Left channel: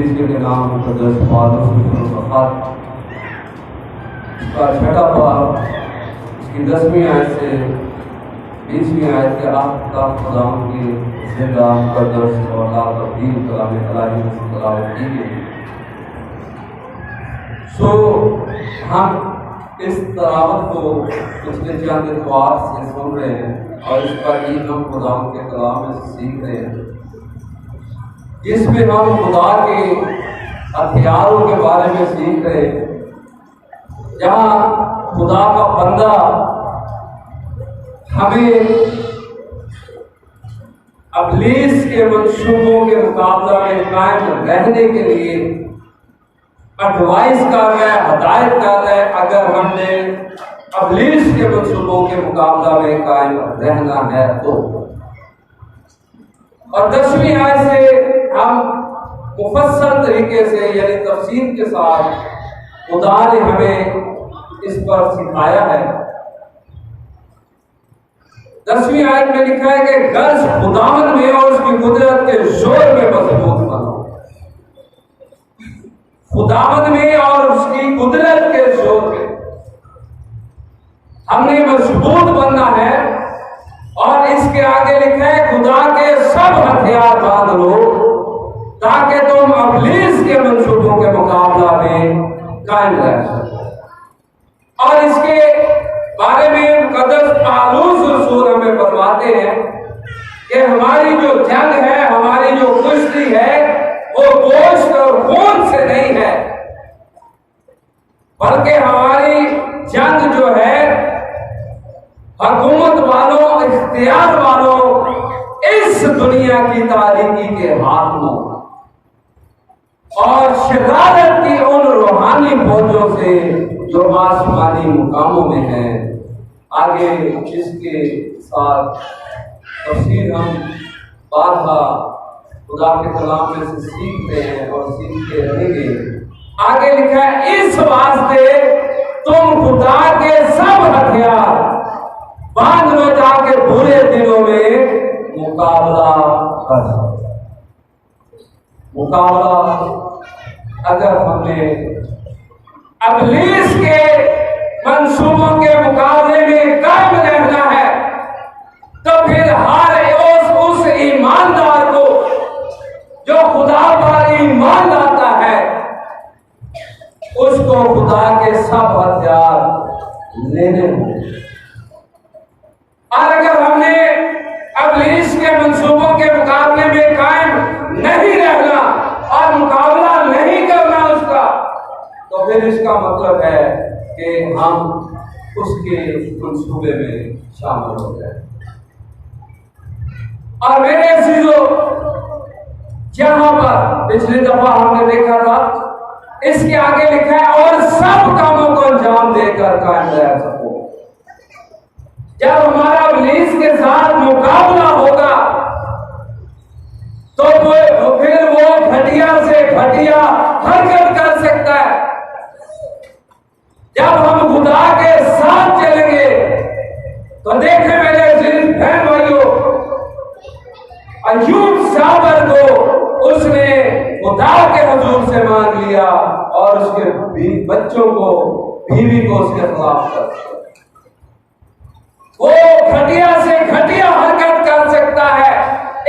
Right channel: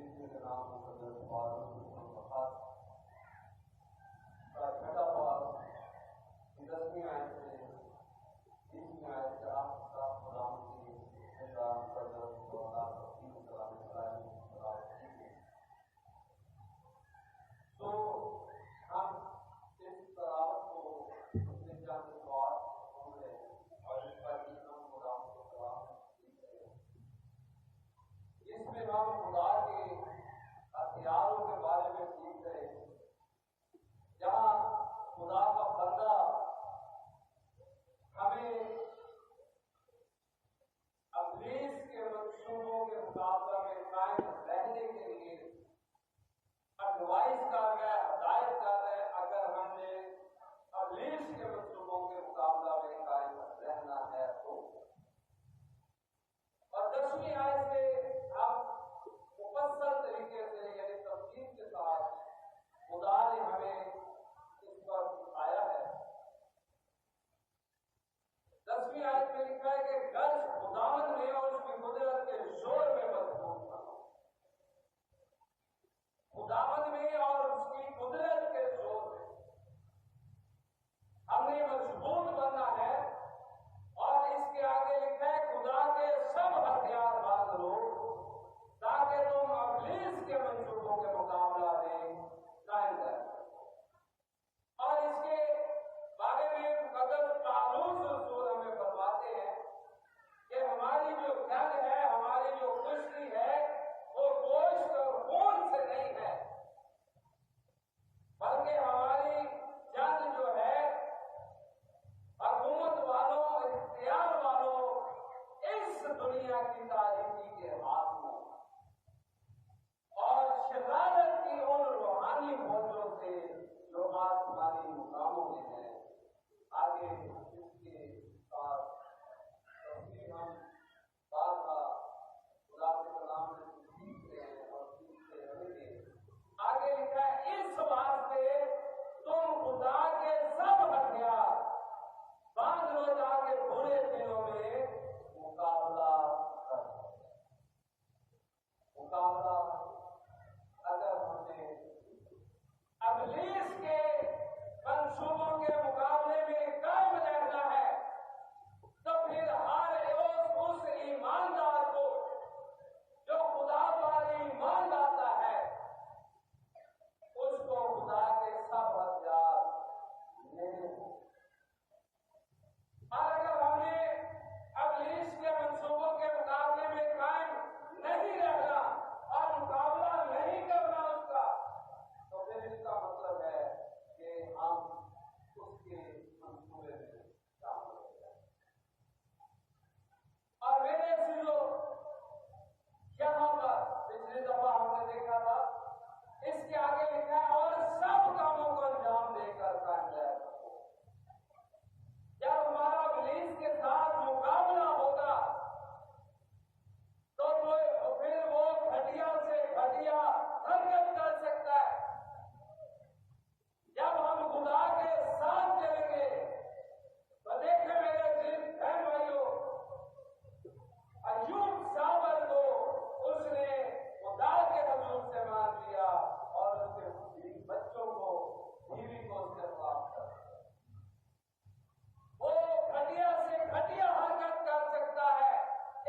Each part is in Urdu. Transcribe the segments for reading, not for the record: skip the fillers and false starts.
کلیسیا کے نام مقدس پالوس خط کا چھٹا باب اس کی 10ویں آیت سے 20ویں آیت کے آخر تک خدا کی زندہ مقدس اور لا تبدیل کلام الہی میں تلاوت کی گئی۔ ہم اس تلاوت کو پچھلے چند اتوار سے سن رہے ہیں اور اس پر ہی ہم خدا کے کلام میں سے سیکھ رہے ہیں، جس میں ہم خدا کے ہتھیاروں کے بارے میں سیکھ رہے ہیں، جہاں خدا کا بندہ ہمیں ابلیس کے منصوبوں کے مقابلہ میں قائم رہنے کے لیے ایڈوائز کر رہا ہے، ہدایت کر رہا ہے، اگر ہم نے ابلیس کے منصوبوں کے مقابلہ میں قائم رہنا ہے تو۔ اور 10ویں آیت سے ہم مفصل طریقے سے یعنی تفصیل کے ساتھ خدا نے ہمیں اس پر سکھایا ہے۔ 10ویں آیت میں لکھا ہے کہ غرض خداوند میں اور اس کی قدرت کے زور میں مضبوط بنو۔ خداوند میں اور اس کی قدرت کے زور میں ہم نے مضبوط بننا ہے، اور اس کے آگے لکھا ہے خدا کے سب ہتھیار باندھ لو تاکہ تم ابلیس کے منصوبوں کے مقابلہ میں قائم رہ سکو۔ اور اس کے بارے میں مقدس پالوس رسول ہمیں فرماتے ہیں کہ ہماری جو جنگ ہے، ہماری جو کشتی ہے، وہ گوشت اور خون سے نہیں ہے، بلکہ ہماری جنگ جو ہے حکومت والوں، اختیار والوں، اس دنیا کی تاریکی کے حاکموں اور شرارت کی ان روحانی فوجوں سے جو آسمانی مقاموں میں ہیں۔ آگے اس کے ساتھ تفسیر ہم بارہا خدا کے کلام میں سے سیکھتے ہیں اور سیکھتے رہیں گے۔ آگے لکھا ہے اس واسطے تم خدا کے سب ہتھیار باندھ لو تاکہ برے دنوں میں مقابلہ کر سکو۔ مقابلہ اگر ہم نے ابلیس کے منصوبوں کے مقابلے میں قائم رہنا ہے تو پھر ہر اس ایماندار کو جو خدا پر ایمان لاتا ہے، اس کو خدا کے سب ہتھیار لینے ہوں۔ اور اگر ہم نے ابلیس کے منصوبوں کے مقابلے میں قائم نہیں رہنا اور مقابلہ نہیں کرنا اس کا، تو پھر اس کا مطلب ہے کہ ہم اس کے منصوبے میں شامل ہو جائیں۔ اور میرے عزیزو، جہاں پر پچھلی دفعہ ہم نے دیکھا تھا، اس کے آگے لکھا ہے اور سب کاموں کو انجام دے کر قائم رہ سکو۔ جب ہمارا ابلیس کے ساتھ مقابلہ ہوگا تو پھر وہ گھٹیا سے گھٹیا حرکت کر سکتا ہے۔ جب ہم خدا کے ساتھ چلیں گے تو دیکھیں میرے عزیز بہن بھائیوں، ایوب صابر کو اس نے خدا کے حضور سے مانگ لیا اور اس کے بچوں کو، بیوی کو اس کے خلاف کر دیا۔ وہ گھٹیا سے گھٹیا حرکت کر سکتا ہے،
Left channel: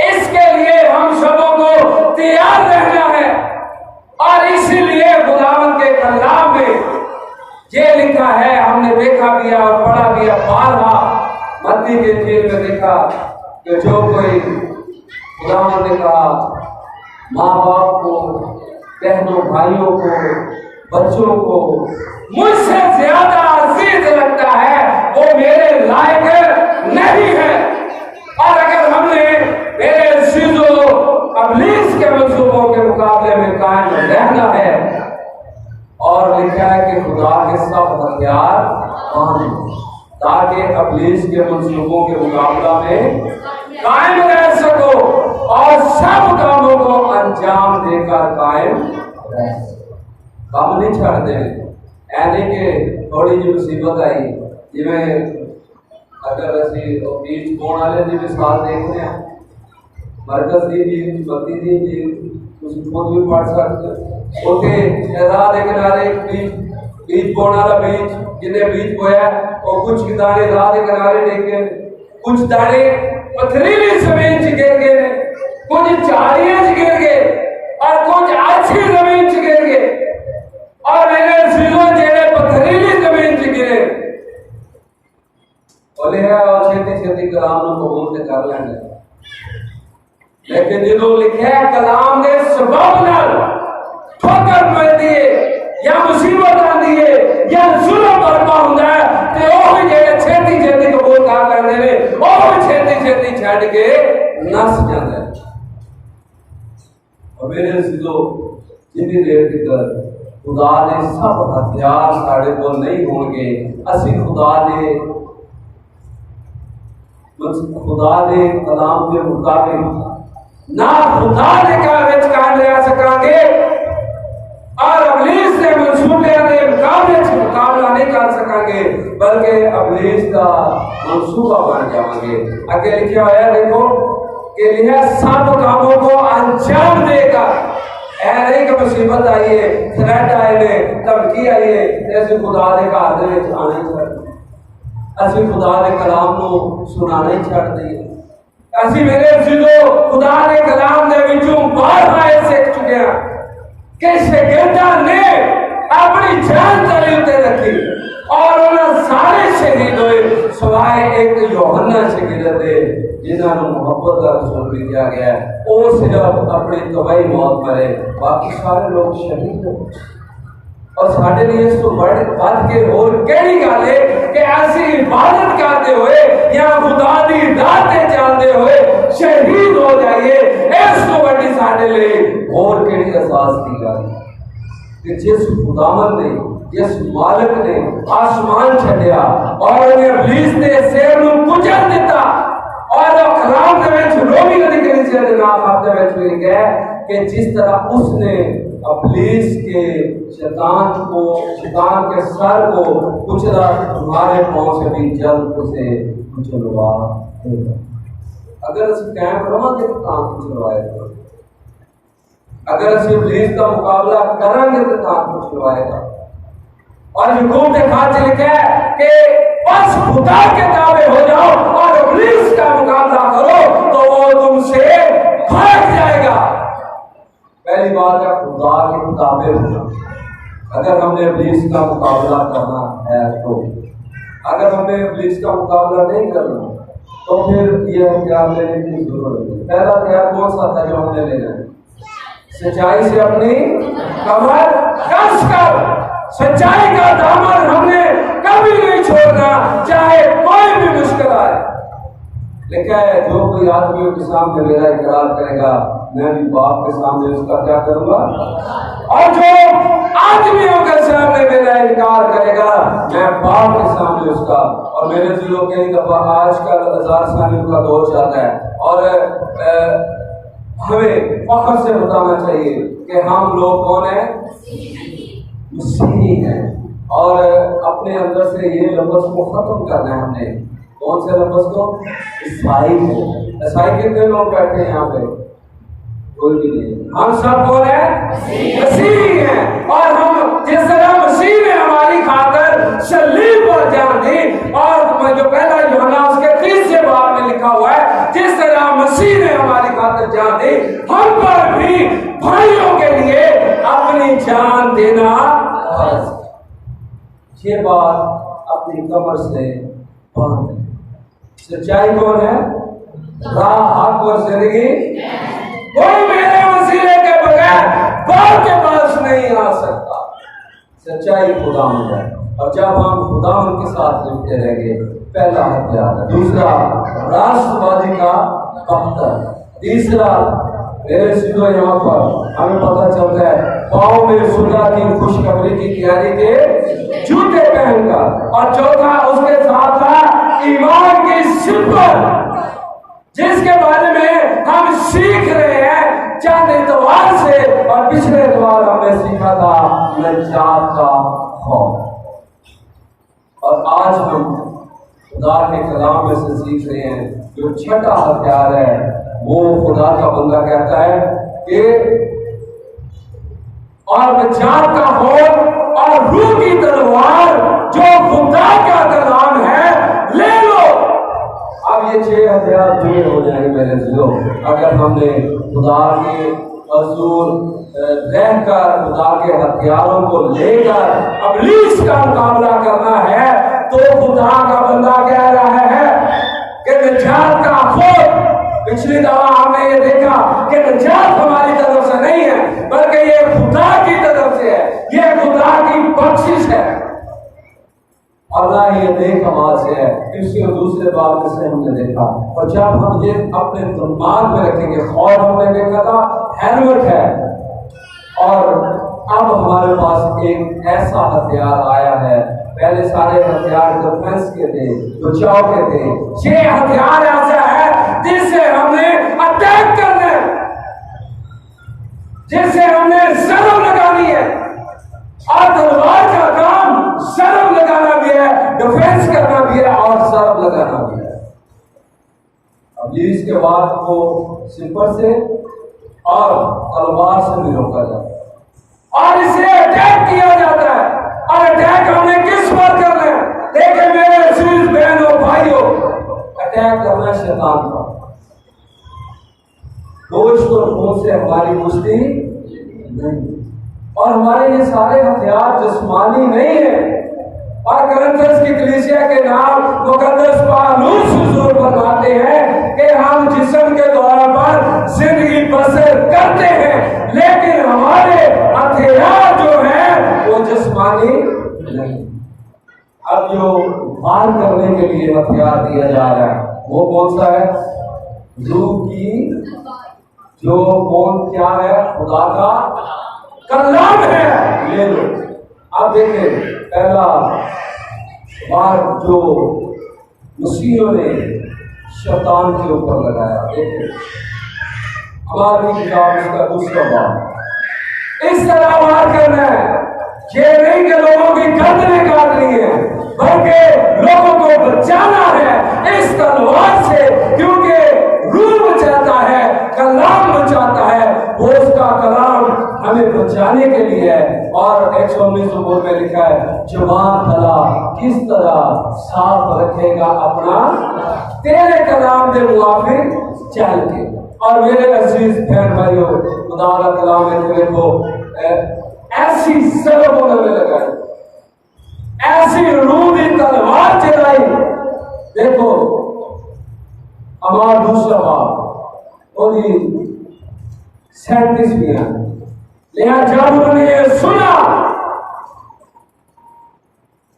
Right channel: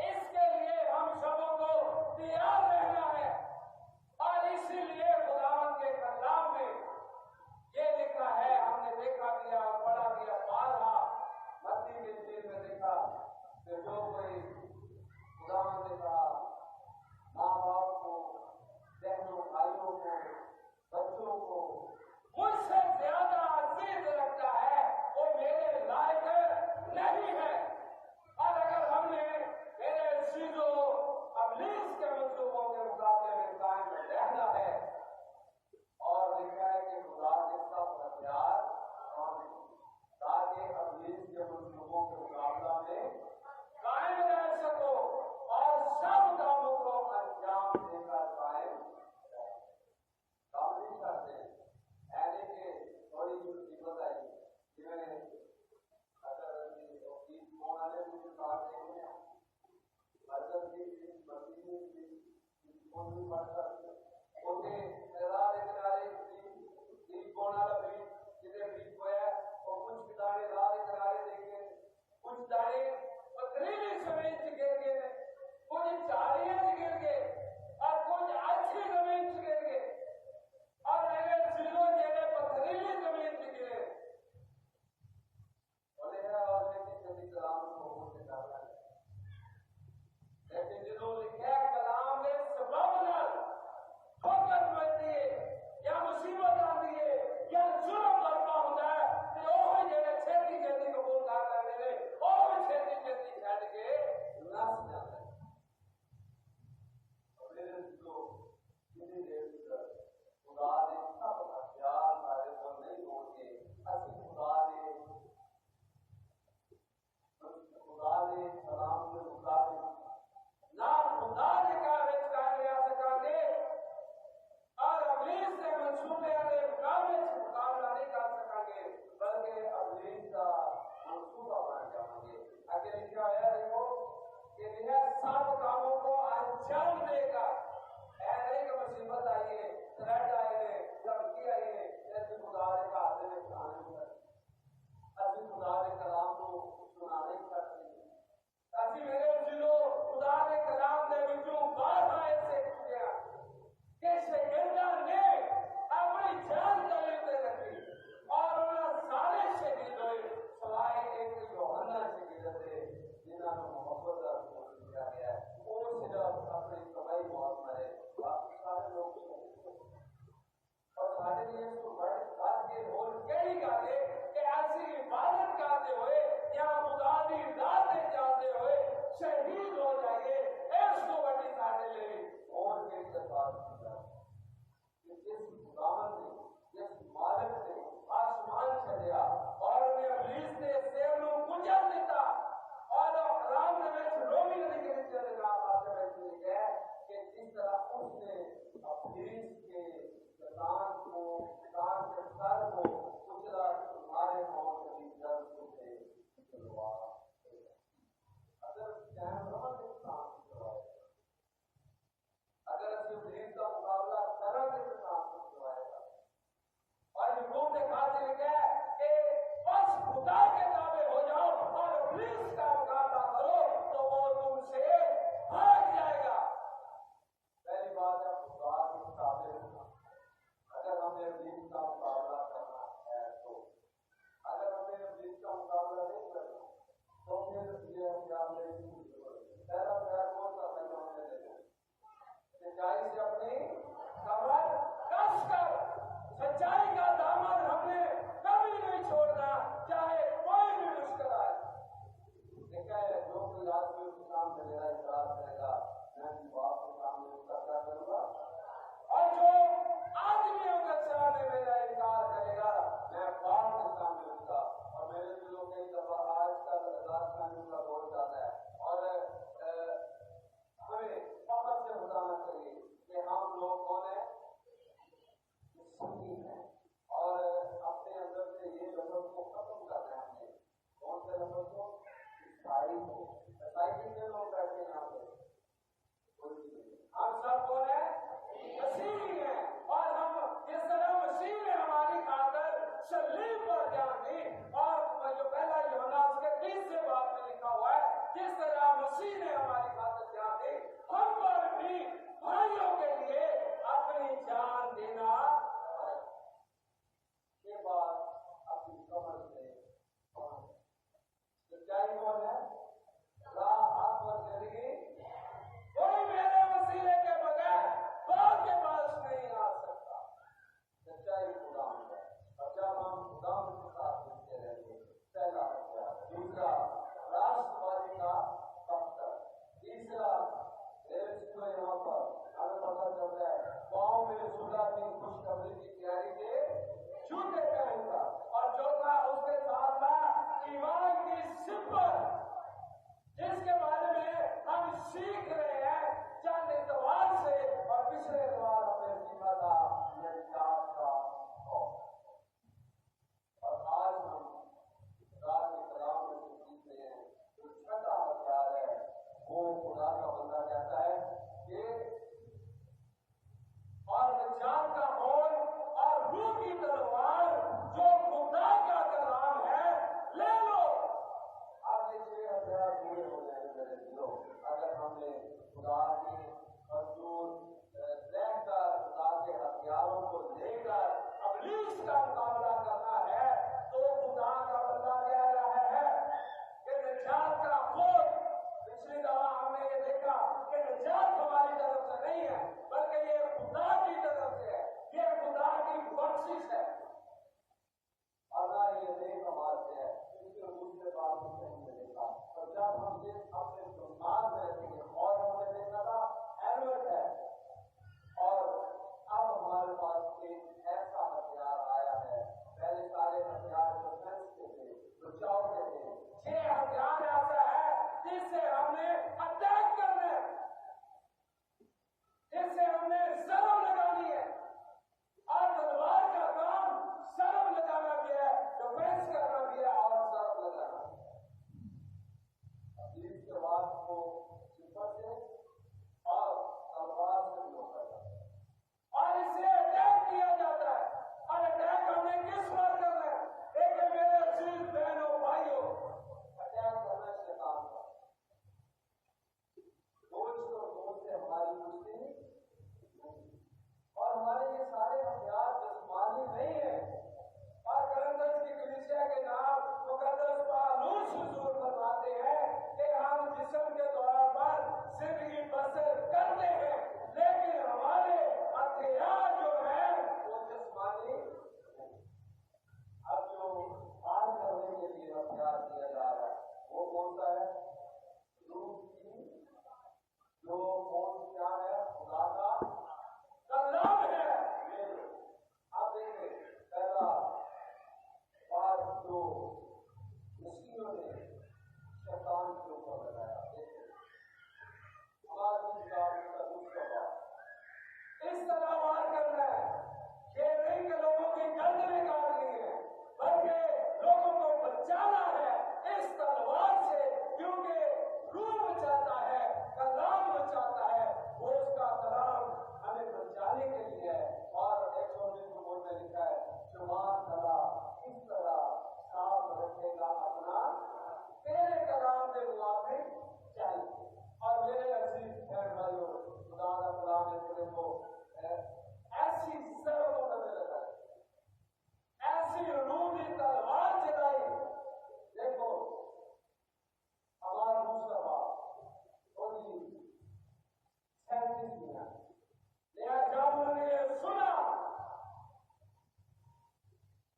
اس کے لیے ہم سبوں کو تیار رہنا ہے۔ اور اسی لیے خداوند کے کلام میں یہ لکھا ہے، ہم نے دیکھا بھی اور پڑھا بھی، بارہا متی کے انجیل میں دیکھا کہ جو کوئی خداوند نے کہا ماں باپ کو، بہنوں بھائیوں کو، بچوں کو مجھ سے زیادہ عزیز لگتا ہے، وہ میرے لائق نہیں ہے۔ اور اگر ہم نے میرے عزیزوں ابلیس کے منصوبوں کے مقابلے میں قائم رہنا ہے، اور لکھا ہے کہ خدا کے سب ہتھیار باندھ لو تاکہ ابلیس کے منصوبوں کے مقابلہ میں قائم رہ سکو اور سب کاموں کو انجام دے کر قائم رہ سکو۔ کام نہیں چھڑ دیں، اینے کہ تھوڑی جی مصیبت آئی جی میں اگر اسی بیچ کون والے جی مثال دیکھتے ہیں، مرکز دی جی بتی دی جی خود بھی پڑھ سکتے اتنے راہ کے کنارے بیج بونے والا بیج جنہیں بیج بویا وہ کچھ دانے راہ کے کنارے ڈگے، کچھ دانے پتھریلی زمین چ گر گئے، کچھ جھاڑیاں چ گر گئے اور کچھ اچھی زمین چ گر گئے۔ اور میرے ضلع جڑے پتھریلی زمین چ گرے بولے ہے اور چھتی چھتی کلام نو قبول تے کر لیں گے، لیکن جدوں لکھا ہے کلام دے سبب نال ٹھوکر ملتی ہے یا مصیبت آتی ہے یا ظلم برپا ہوتا ہے تے وہ جڑے چھتی چھتی قبول کر لیندے نے وہ چھتی چھتی چھڈ کے نس جاندے۔ اور میرے ضلع جتنی دیر تک خدا نے سب ہتھیار ساڑے کو نہیں ہون گے، اسی خدا دے کلام کے مطابق نہ خدا دے کام وچ کام لے سکاں گے اور ابلیس دے منصوبے دے مقابلے وچ مقابلہ نہیں کر سکاں گے، بلکہ ابلیس دا منصوبہ بن جاواں گے۔ آگے لکھا ہوا ہے دیکھو کہ یہ سب کاموں کو انجام دے گا۔ اے نہیں کہ مصیبت آئی ہے، تھریٹ آئے نے، دھمکی آئی ہے، ایسے خدا دے گھر دے وچ آنا ہی چاہیے، اسی خدا دے کلام نو سنانا ہی چھڈ دئیے۔ اسی میرے ضلع خدا دے کلام دے وچوں بارہا سیکھ چکے ہیں کہ شاگرداں نے اپنی جان تعلیم تے رکھی اور انہاں سارے شہید ہوئے سوائے ایک یوحنا شاگرد دے جنہاں نوں محبت دا رسول بھی کیا گیا ہے، وہ صرف اپنی طبعی موت مرے، باقی سارے لوگ شہید ہوئے۔ اور ساڈے لیے اس کو بڑھ کے اور کہڑی گل ہے کہ ایسی عبادت کرتے ہوئے یا خدا دی راہ تے چلتے ہوئے شہید ہو جائیے، اس کو بڑی ساڈے لیے اور کہڑی احساس کی گل کہ جس خداوند نے، جس مالک نے آسمان چھڈیا اور انہیں ابلیس دے سیر نوں کچل دتا، اور کلام دے وچ رومی دی کلیسیا دے نام آتے وچ لکھا ہے کہ جس طرح اس نے ابلیس کے شیطان کے سر کو کچلا، تمہارے پاؤں سے بھی جلد اسے کچلوا دے گا۔ اگر اس قائم رہاں گے تو کام کچلوائے گا، اگر اس ابلیس کا مقابلہ کریں گے تو کام کچلوائے گا۔ اور یعقوب نے خط لکھا ہے کہ بس خدا کے تابع ہو جاؤ اور ابلیس کا مقابلہ کرو تو وہ تم سے بھاگ جائے گا۔ پہلی بات ہے خدا کے تابع ہونا۔ اگر ہم نے ابلیس کا مقابلہ کرنا ہے تو، اگر ہمیں ابلیس کا مقابلہ نہیں کرنا تو پھر یہ ہتھیار لینے کی ضرورت ہے۔ پہلا ہتھیار کون سا تھا جو ہم نے لینا ہے؟ سچائی سے اپنی کمر کس کر، سچائی کا دامن ہم نے کبھی نہیں چھوڑنا چاہے کوئی بھی مشکل آئے۔ لکھا ہے جو کوئی آدمیوں کے سامنے میرا اقرار کرے گا میں بھی باپ کے سامنے اس کا کیا کروں گا، اور جو آدمیوں کے سامنے میرا انکار کرے گا میں باپ کے سامنے اس کا۔ اور میرے دلوں کئی دفعہ آج کل 1000 سالیوں کا دور چلتا ہے اور ہمیں فخر سے بتانا چاہیے کہ ہم لوگ کون ہیں؟ مسیحی ہیں، اور اپنے اندر سے یہ لفظ کو ختم کرنا ہے۔ ہم نے کون سے لفظ کو؟ عیسائی کو۔ عیسائی کتنے لوگ بیٹھے ہیں یہاں پہ؟ کوئی بھی نہیں۔ ہم سب کون ہیں؟ مسیحی ہیں، اور ہم جس طرح مسیح نے ہماری خاطر صلیب پر جان دی، اور جو پہلا یوحنا اس کے 30 باب میں لکھا ہوا ہے جس طرح مسیح نے ہماری خاطر جان دی، ہم پر بھی بھائیوں کے لیے اپنی جان دینا فرض۔ یہ بات اپنی کمر سے باندھ۔ سچائی کون ہے؟ راہ، حق اور زندگی۔ کوئی میرے وسیلے کے بغیر باپ کے پاس نہیں آ سکتا۔ سچائی خداوند ہے، اور جب ہم خداوند کے ساتھ لپٹے رہیں گے پہلا ہتھیار ہے۔ دوسرا راست بازی کا پختر۔ تیسرا میرے سیدھو یہاں پر ہمیں پتہ چلتا ہے پاؤں میں صلح کی خوشخبری کی تیاری کے جوتے پہن کر، اور چوتھا اس کے ساتھ تھا ایمان کی سلپر، جس کے بارے میں ہم سیکھ رہے ہیں چند اتوار سے، اور پچھلے اتوار ہم نے سیکھا تھا نجات کا خوف۔ اور آج ہم خدا کے کلام میں سے سیکھ رہے ہیں جو چھٹا ہتھیار ہے، وہ خدا کا بندہ کہتا ہے کہ اور نجات کا خوف اور روح کی تلوار جو خدا کا کلام ہے لے لو۔ اب یہ 6 ہتھیار پورے ہو جائیں گے میرے عزیزو اگر ہم نے خدا کے حضور رہ کر خدا کے ہتھیاروں کو لے کر ابلیس کا مقابلہ کرنا ہے۔ تو خدا کا بندہ کہہ رہا ہے کہ نجات کا خوف، پچھلی دفعہ ہم نے یہ دیکھا کہ نجات ہماری طرف سے نہیں ہے بلکہ یہ خدا کی طرف سے ہے، یہ خدا کی بخشش ہے، اور نہ یہ دیکھ آواز سے ہے۔ اس کے دوسرے بات سے ہم نے دیکھا، اور جب ہم یہ اپنے دماغ میں رکھیں گے، خوف ہم نے دیکھا تھا ہیلمٹ ہے، اور اب ہمارے پاس ایک ایسا ہتھیار آیا ہے۔ پہلے سارے ہتھیار ڈیفنس کے تھے، بچاؤ کے تھے، یہ ہتھیار ایسا ہے جس سے ہم نے اٹیک کرنا ہے، جس سے ہم نے ضرب لگانی ہے، اور تلوار کا کام ضرب لگانا بھی ہے، ڈیفنس کرنا بھی ہے اور ضرب لگانا بھی ہے۔ ابلیس کے بعد کو صفر سے اور تلوار سے بھی روکا جاتا ہے، اور اسے اٹیک کیا جاتا ہے، اور اٹیک ہم نے کس پر کرنا ہے؟ دیکھیں میرے عزیز بہنوں بھائیوں، اٹیک کرنا شیطان پر۔ گوشت اور خون سے ہماری کشتی نہیں، اور ہمارے یہ سارے ہتھیار جسمانی نہیں ہیں، اور کرنتھس کی کلیسیا کے نام مقدس پالوس حضور فرماتے ہیں کہ ہم جسم کے طور پر زندگی بسر کرتے ہیں لیکن ہمارے ہتھیار جو ہیں وہ جسمانی نہیں۔ اب جو وار کرنے کے لیے ہتھیار دیا جا رہا ہے وہ کون سا ہے؟ روح کی جو کون کیا ہے؟ خدا کا کلام ہے، لے لو۔ اب دیکھیں پہلا بار جو مسیحوں نے شیطان کے اوپر لگایا، دیکھیں ہماری کتاب اس کا دوسرا باب، اس طرح وار کرنا ہے، یہ نہیں کہ لوگوں کی گردنیں کاٹنی ہے بلکہ لوگوں کو بچانا ہے اس تلوار سے، کیونکہ روح بچاتا ہے، کلام بچاتا ہے، وہ اس کا کلام ہمیں بچانے کے لیے ہے۔ اور 119 زبور میں لکھا ہے جوان بھلا کس طرح صاف رکھے گا اپنا تیرے کلام دے موافق چل کے۔ اور میرے عزیز بہن بھائیوں، خدا کا کلام ہے، دیکھو ایسی ضربوں میں لگائی، ایسی روح کی تلوار چلائی۔ دیکھو ہمارا دوسرا باب اور 37 میں ہے، لیکن جب انہوں نے یہ سنا،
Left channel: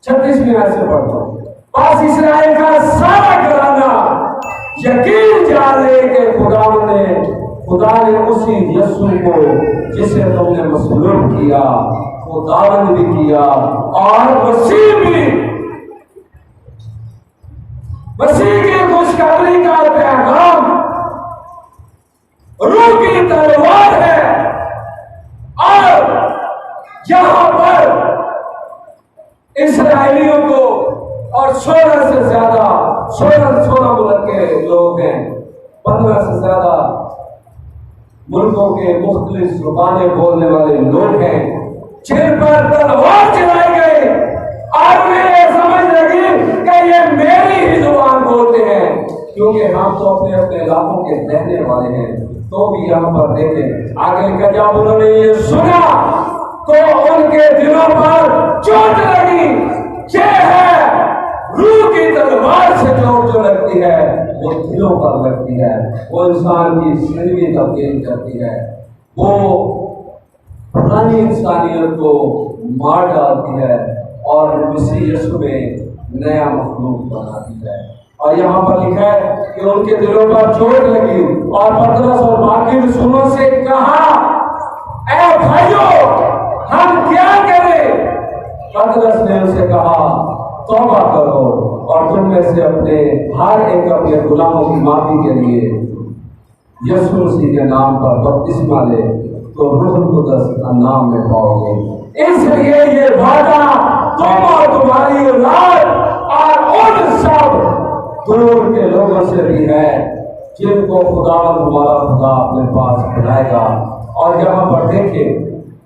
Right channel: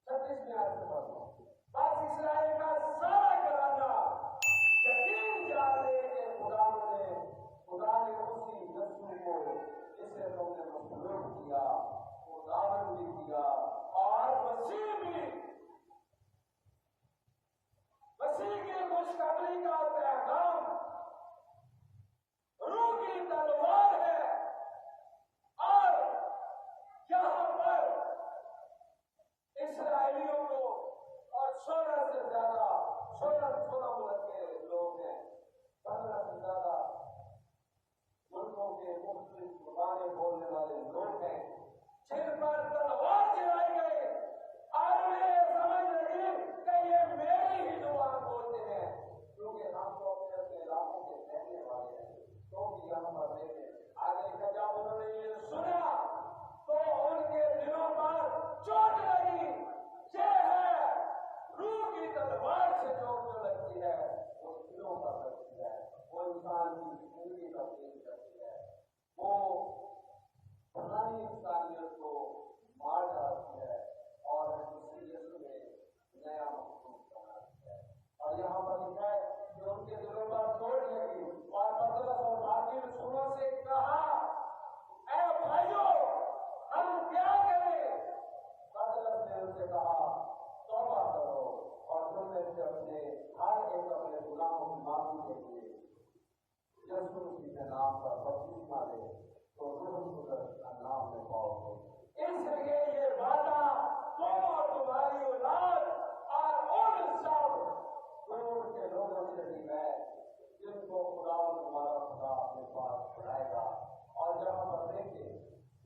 36 میں ایسے پڑھتا ہوں، پاس اسرائیل کا سارا گھرانہ یقین جان لے کہ خدا نے اسی یسوع کو جسے تم نے مصلوب کیا خداوند بھی کیا اور مسیح بھی، مسیح کی خوشخبری کا پیغام روح کی تلوار ہے۔ اور یہاں پر اسرائیلیوں کو اور 16 سے زیادہ 16 ملک کے لوگ ہیں، 15 سے زیادہ ملکوں کے مختلف زبانیں بولنے والے لوگ ہیں جن پر تلوار چلائی گئی، اور انہیں یہ سمجھ لگی کہ یہ میری ہی زبان بولتے ہیں، کیونکہ ہم تو اپنے اپنے علاقوں کے رہنے والے ہیں۔ تو بھی یہاں پر دیکھیں آگے لکھا، جب انہوں نے یہ سنا تو ان کے دلوں پر چوٹ لگی۔ یہ ہے روح کی تلوار سے چوٹ جو لگتی ہے وہ دلوں پر لگتی ہے، وہ انسان کی زندگی تبدیل کرتی ہے، وہ پرانی انسانیت کو مار ڈالتی ہے اور مسیح یسوع میں نیا مخلوق بناتی ہے۔ اور یہاں پر لکھا ہے کہ ان کے دلوں پر چوٹ لگی، اور پترس اور باقی رسولوں سے کہا، اے بھائیو ہم کیا کریں؟ پترس نے ان سے کہا، توبہ کرو اور تم میں سے اپنے ہر ایک اپنے غلاموں کی معافی کے لیے یسوع مسیح کے نام پر بپتسمہ لے تو روح القدس کا نام میں پاؤ گے۔ اس لیے یہ وعدہ تم اور تمہاری اولاد اور ان سب دور کے لوگوں سے بھی ہے جن کو خدا تمہارا خدا اپنے پاس بلائے گا۔ اور یہاں پر دیکھیں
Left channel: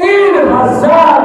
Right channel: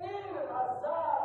3000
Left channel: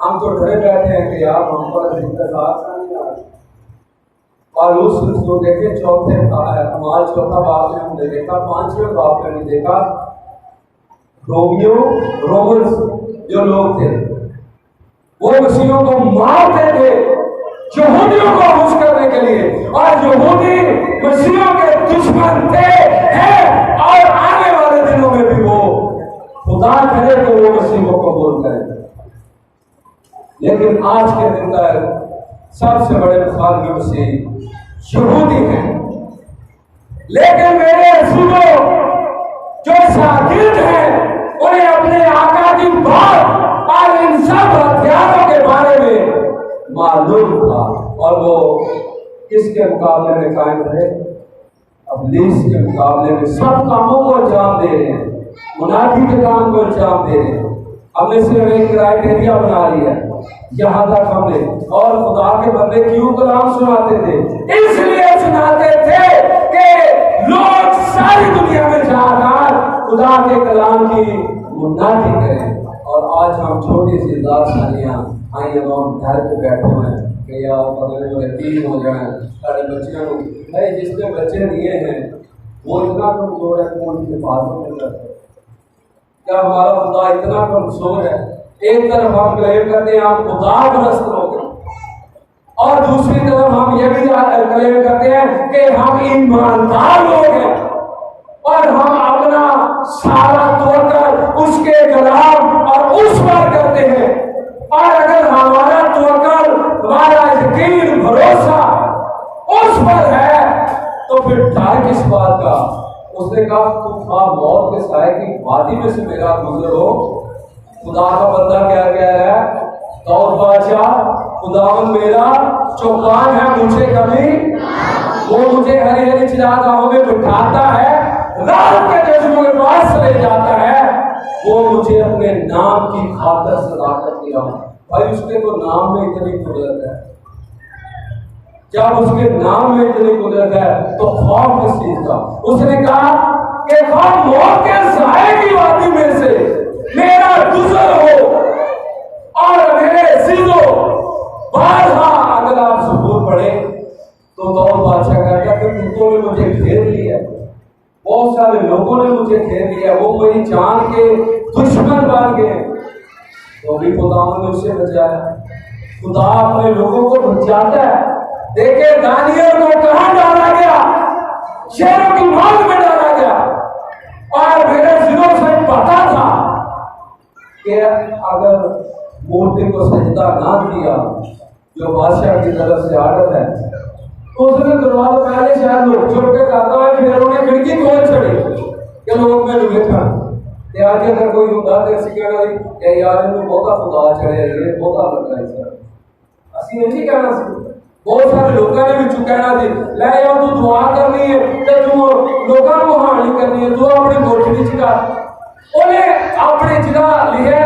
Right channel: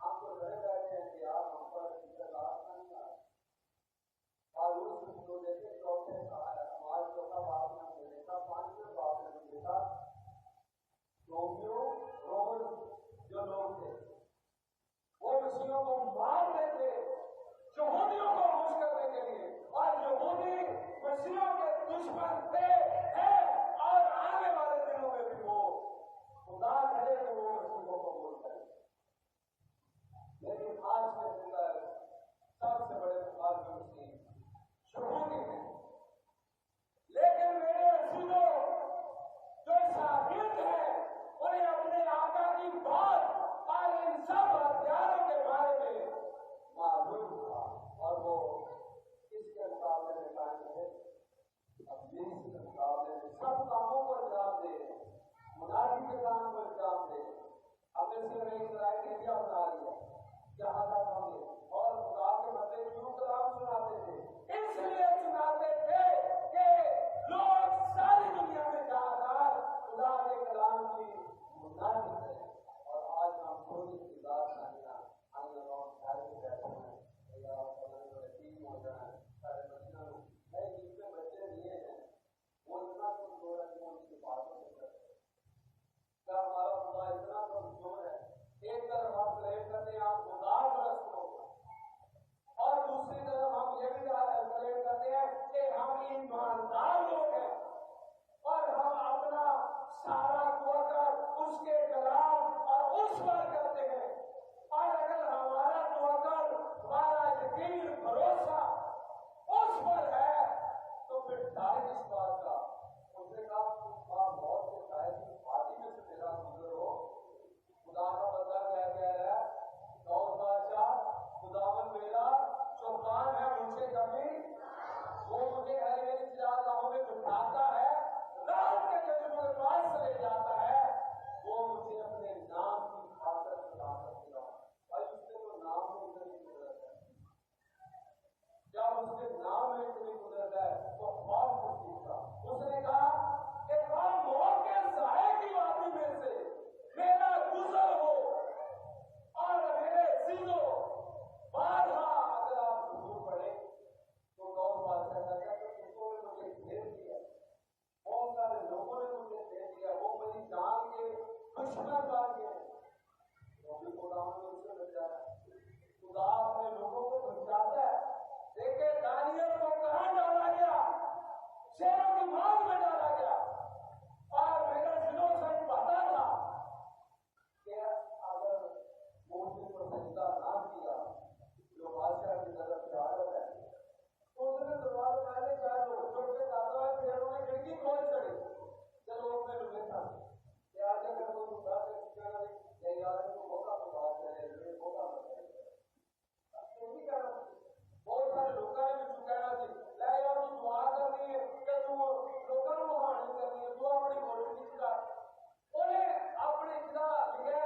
ہم تو ڈرے بیٹھے ہیں کہ یار ہم پر انتظار نہیں آ رہے. اور اس کو دیکھے چوتھے ہمارا چوتھا باپ نے ہم نے دیکھا، پانچویں باپ نے نہیں دیکھا. رومنس جو لوگ تھے وہ مسیحوں کو مارتے تھے یہودیوں کو خوش کرنے کے لیے، اور یہودی مسیحوں کے دشمن تھے ہیں، اور آنے والے دنوں میں بھی وہ خدا کرے تو وہ مسیحوں کو قبول کریں. لیکن آج کے دن تک سب سے بڑے مخالف مسیح یہودی ہیں. لیکن میرے رسولوں جو شاگرد ہیں انہیں اپنے آقا کی بات اور ان سب ہتھیاروں کے بارے میں معلوم تھا، اور وہ کس کے مقابلے میں قائم رہے؟ ابلیس کے مقابلے میں سب کاموں کو انجام دے رہے ہیں، منافی کے کام کو انجام دے رہے ہیں. ہم نے صرف ایک کرائٹیریا بنا لیا ہے یہاں تک ہم نے، اور خدا کے بندے کیوں کلام سناتے تھے؟ اس لیے سناتے تھے کہ لوگ ساری دنیا میں جا کر خدا کے کلام کی منادی کریں. اور آج ہم چھوٹی سی داستانیاں آئی ہم گھر پہ بیٹھے ہوئے ہیں کہ یار بدلے جو یتیم ہو جائیں سارے بچیاں کو. بھائی جس نے بچے دیے ہیں وہ اتنا کمزور ہے کہ وہ ان کی حفاظت نہیں کرتے. کیا ہمارا خدا اتنا کمزور ہے؟ ایک طرف ہم کلیم کرتے ہیں ہم خدا پرست لوگ ہیں، اور دوسری طرف ہم یہ بھی کلیم کرتے ہیں کہ ہم ایماندار لوگ ہیں، اور ہم اپنا سارا طور کر اس کے کلام اور اس پر کرتے ہیں. اور اگر ہمارا توکل، ہمارا یقین، بھروسہ اس پر ہے تو پھر ڈر کس بات کا؟ اس نے کہا تم خواہ موت کے سائے کی وادی میں سے میرا گزر ہو. خدا کا بندہ کیا کہہ رہا ہے؟ داؤد بادشاہ، خداوند میرا چوکان ہے، مجھے کبھی وہ مجھے ہری ہری چراگاہوں میں بٹھاتا ہے، رات کے چشموں کے پاس لے جاتا ہے، وہ مجھے اپنے نام کی خاطر صداقت دیا. بھائی اس کے تو نام میں اتنی قدرت ہے. جب اس کے نام میں اتنی قدرت ہے تو خوف کس چیز کا؟ اس نے کہا کہ خواہ موت کے سائے کی وادی میں سے میرا گزر ہو، اور میرے عزیزوں بارہا اگر آپ ضرور پڑھیں تو داؤد بادشاہ کہتا ہے کہ کتوں نے مجھے گھیر لیا، بہت سارے لوگوں نے مجھے گھیر لیا، وہ میری جان کے دشمن بن گئے، تو بھی خدا نے اسے بچایا. خدا اپنے لوگوں کو بچاتا ہے. دیکھیں دانیل کو کہاں ڈالا گیا؟ شیروں کی ماں میں ڈالا گیا، اور میرے دلوں سے پتا تھا کہ اگر مورتی کو سجدہ نہ کیا جو بادشاہ کی طرف سے عادت ہے تو اس نے دروازہ پہلے شاید لوگ چھوڑ کے کہتا ہے، پھر انہوں نے کھڑکی کھول چھڑی کہ لوگ میں ڈوبے تھا. کہ آج اگر کوئی خدا دے اسی کہنا دی کہ یار انہوں بہتا خدا چڑھے یہ بہتا لگتا ہے سر اسی نہیں کہنا سی. بہت سارے لوگوں نے بھی کہنا دی لے یار تو دعا کرنی ہے تے تو لوگوں کو ہانی کرنی ہے، تو اپنی کوٹھی چکا انہیں اپنی جگہ لکھا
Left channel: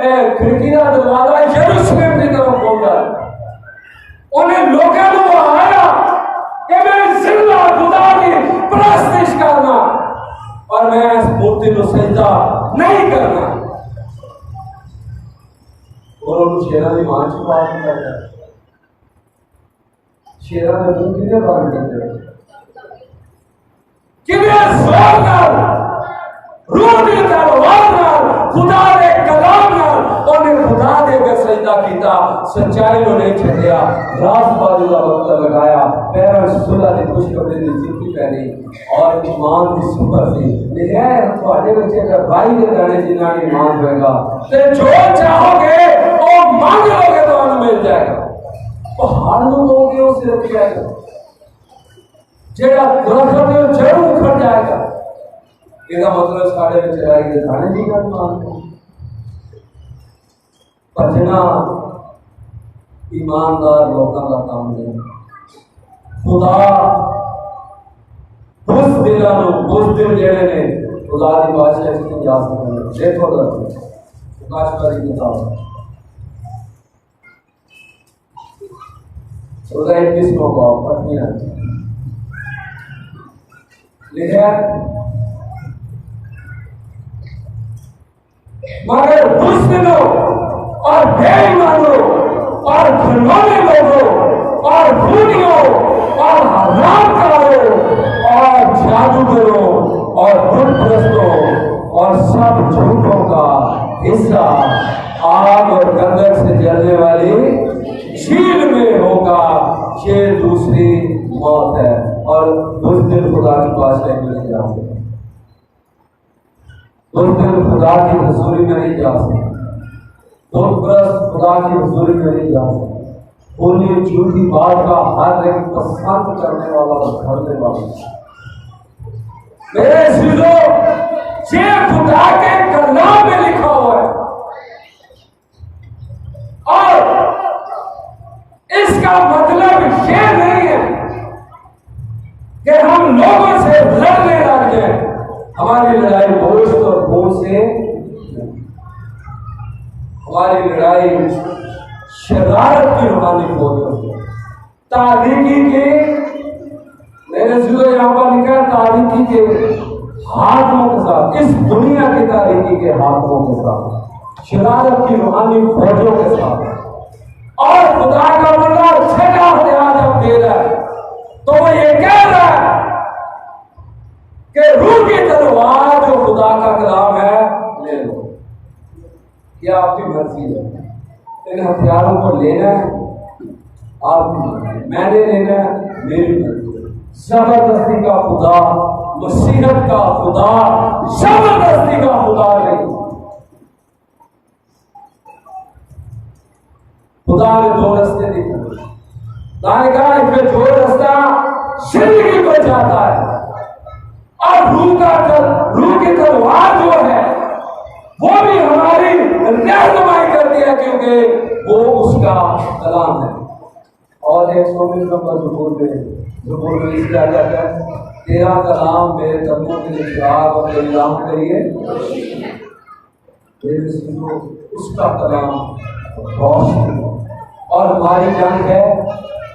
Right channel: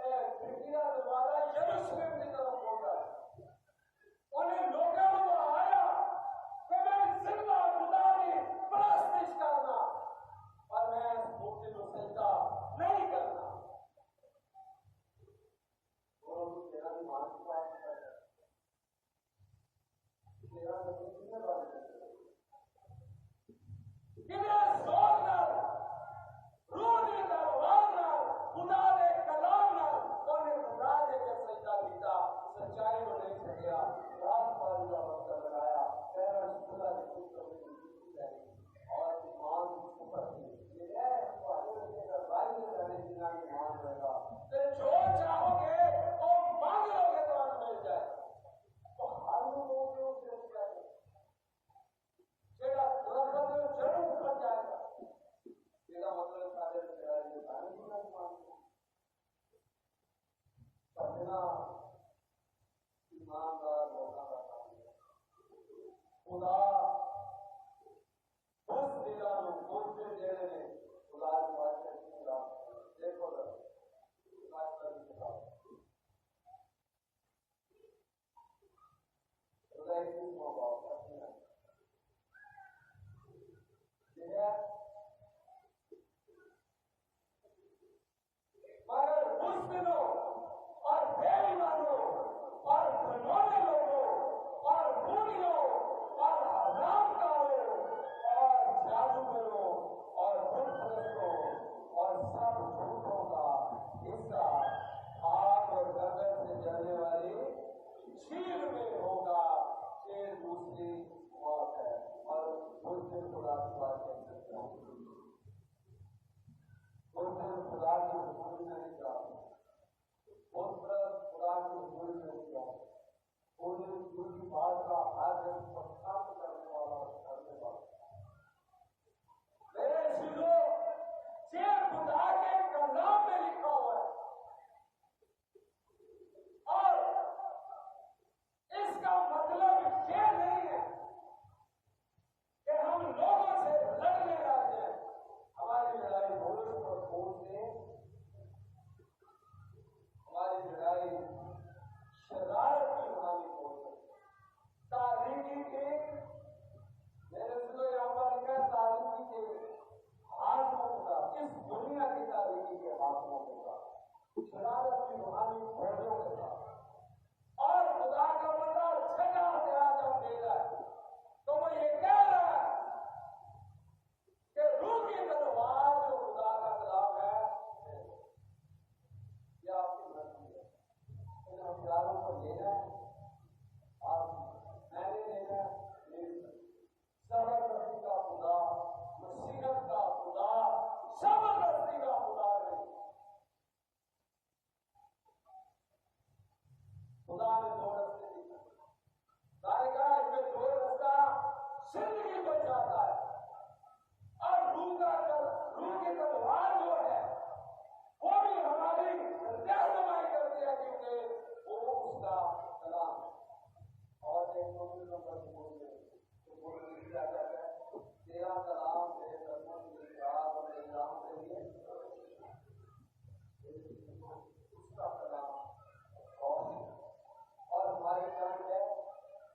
ہے کھڑکی کا دروازہ یروشلم کی طرف کھولتا ہے. انہیں لوگوں کو آیا کہ میں زندہ خدا کی پرستش کرنا اور میں اس مورتی کو سجدہ نہیں کرنا. اور ان شیرہ نے مان چھپا دیا ہے. شیرہ نے منہ کتنے بار کرتے ہیں کہ میں زور نال روح دی تلوار نال خدا دے کلام نال انہیں خدا دے کے سجدہ کیتا. سچائی کو نہیں چھڈیا، راست بازی کا وقت لگایا، پیروں صلح دی خوش کپڑے دی جوتی پہنی اور ایمان کی سپر سی. لکھا ہے تھوڑے بچے اگر بھائی دے جانے جنہاں نے ایمان ہوئے گا تے جو چاہو گے وہ مانگ لو گے تو انہیں مل جائے گا. پہاڑ لوگوں کے اسے رکھ جائے گا، جیڑا درخت ہے وہ ضرور اکھڑ جائے گا. یہ مطلب سارے میں چلائی گئے دھانے نہیں کرنا بچنا ایماندار لوگوں کا کام نہیں. خدا بس دل جڑے نے خدا دی بادشاہی کی جا سکتے. دیکھو کاشکاری کتاب چودہ 21 کو پڑھنی ہے. لکھا مگر اس دنوں اور بے ایمانوں اور گھنونے لوگوں اور خونیوں اور حرام کاروں اور جادوگروں اور بت پرستوں اور سب جھوٹوں کا حصہ آگ اور گندک سے جلنے والی جھیل میں ہوگا۔ یہ دوسری موت ہے، اور اس دن خدا کی بادشاہی میں نہیں جا سکتے، اس دن خدا کی حضوری میں نہیں جا سکتے، بت پرست خدا کی حضوری میں نہیں جا سکتے، خونی جھوٹی بات کا ہر ایک پسند کرنے والا گھرنے والا۔ میرے عزیزو، یہ خدا کے کلام میں لکھا ہوا ہے، اور اس کا مطلب یہ نہیں ہے کہ ہم لوگوں سے لڑنے لگ جائیں۔ ہماری لڑائی گوشت اور خون سے، ہماری لڑائی شرارت کی روحانی فوجوں، تاریکی کے، میرے عزیزو یہاں پر لکھا ہے تاریکی کے ہاتھوں کے ساتھ، اس دنیا کی تاریکی کے ہاتھوں کے ساتھ، شرارت کی روحانی فوجوں کے ساتھ۔ اور خدا کا بندہ چھٹا ہتھیار جب دے رہا ہے تو وہ یہ کہہ رہا ہے کہ روح کی تلوار جو خدا کا کلام ہے لے لو۔ یہ آپ کی مرضی ہے، ان ہتھیاروں کو لینا ہے آپ کی مرضی، میں نے لینا ہے میری مرضی۔ زبردستی کا خدا، مسیحت کا خدا زبردستی کا خدا نہیں۔ خدا نے دو رستے دکھائے، خدا نے کہا اس میں جو رستہ زندگی کو جاتا ہے، اور روح کی تلوار جو ہے وہ بھی ہماری رہنمائی کرتی ہے، کیونکہ وہ اس کا کلام ہے۔ اور 119 نمبر زبور میں اس کیا جاتا ہے، تیرا کلام میرے قدموں کے لیے چراغ اور میری راہ کے لیے، اس کا کلام روشنی۔ اور ہماری جنگ ہے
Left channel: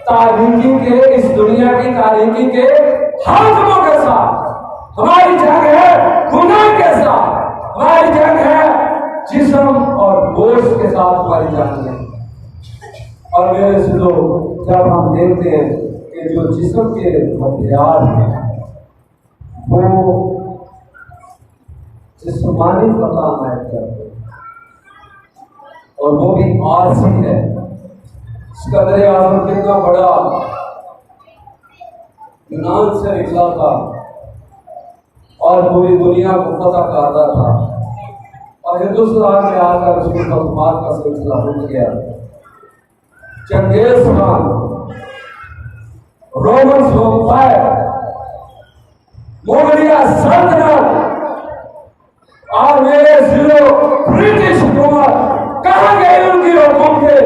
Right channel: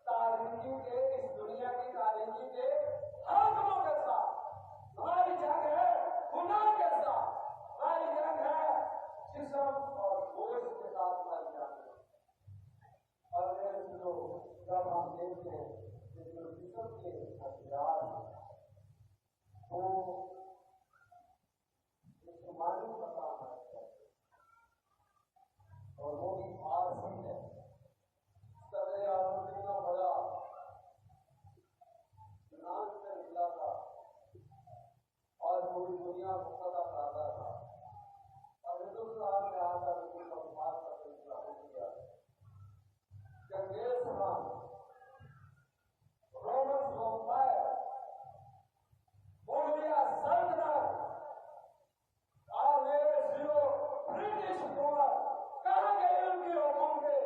تاریکی کے، اس دنیا کی تاریکی کے حاکموں کے ساتھ، ہماری جنگ ہے گناہ کے ساتھ، ہماری جنگ ہے جسم اور گوشت کے ساتھ، ہماری جنگ ہے۔ اور میرے سنو، جب ہم دیکھتے ہیں کہ جو جسم کے ہتھیار ہیں وہ جسمانی فتح نائب کرتے ہیں، اور وہ بھی عارضی ہے۔ صدر اعظم کتنا بڑا یونان سے نکلا تھا اور پوری دنیا کو فتح کرتا تھا، اور ہندوستان میں آ کر اس کی خدمات کا سلسلہ رک گیا۔ چنگیز خان، رومن امپائر، مغلیہ سلطنت، اور میرے ضلع برٹش حکومت کہاں گئے؟ ان کی حکومت کے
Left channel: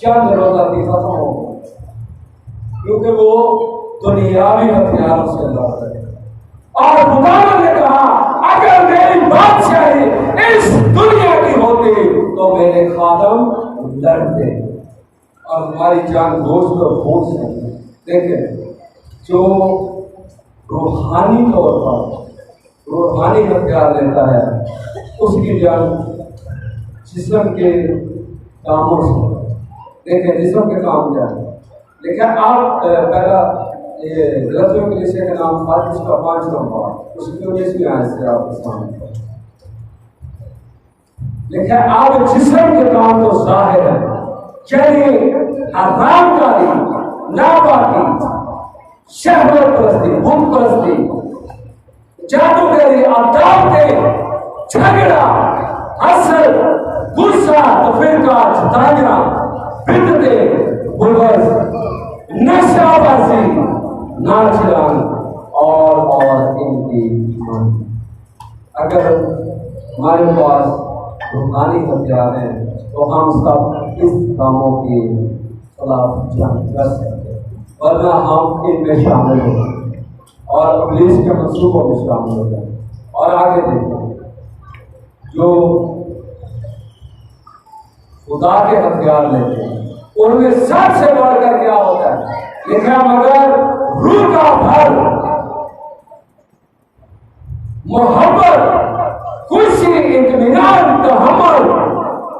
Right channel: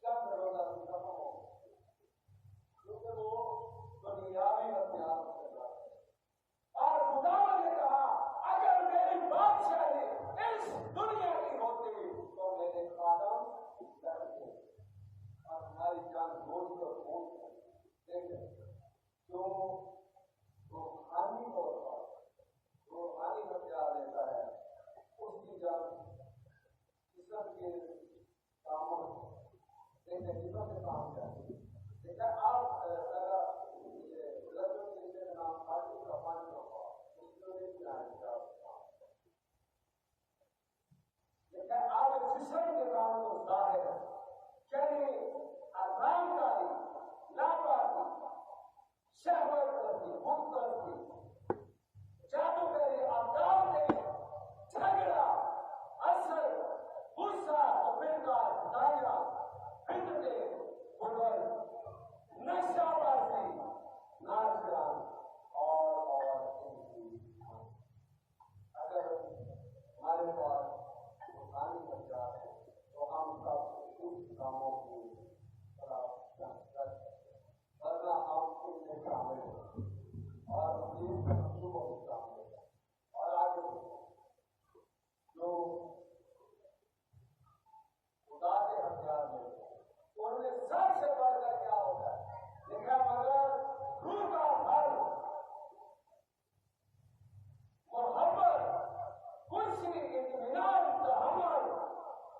چند روزہ کی ختم ہو گئی، کیونکہ وہ دنیاوی ہتھیاروں سے لڑ رہے۔ اور خدا نے کہا اگر میری بادشاہی اس دنیا کی ہوتی تو میرے خادم لڑتے، اور ہماری جان گوشت اور خون سے۔ دیکھیں، جو روحانی طور پر روحانی ہتھیار لیتا ہے اس کی جان جسم کے کاموں سے۔ دیکھیں جسم کے کام کیا ہے، لیکن آپ پہلا یہ غلطیوں کے لیے کا نام تھا جس کا 5 نمبر اس کی 19ویں آیت سے آپ کے سامنے لیکن آپ جسم کے کام تو ظاہر ہے، یعنی حرام کاری، ناپاکی، شہوت پرستی، بت پرستی، جادوگری، عداوتیں، جھگڑا، حسد، غصہ، تفرقہ، ستانا، بدعتیں، بغض، نشہ بازی، ناچ گان اور ان کی مانی۔ اگر ہمارے پاس روحانی ہتھیار ہیں تو ہم سب اس کاموں کے خلاف جنگ کر سکتے ہیں، ورنہ ہم ان میں شامل ہو جائیں اور ابلیس کے منصوبوں میں شامل ہو جائیں۔ اور آگے دیکھیں، جو خدا کے ہتھیار لیتے ہیں ان میں سب سے بڑھ کر کیا ہوتا ہے لکھا، مگر روح کا پھل محبت، خوشی، اطمینان، تحمل،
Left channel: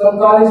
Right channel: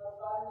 47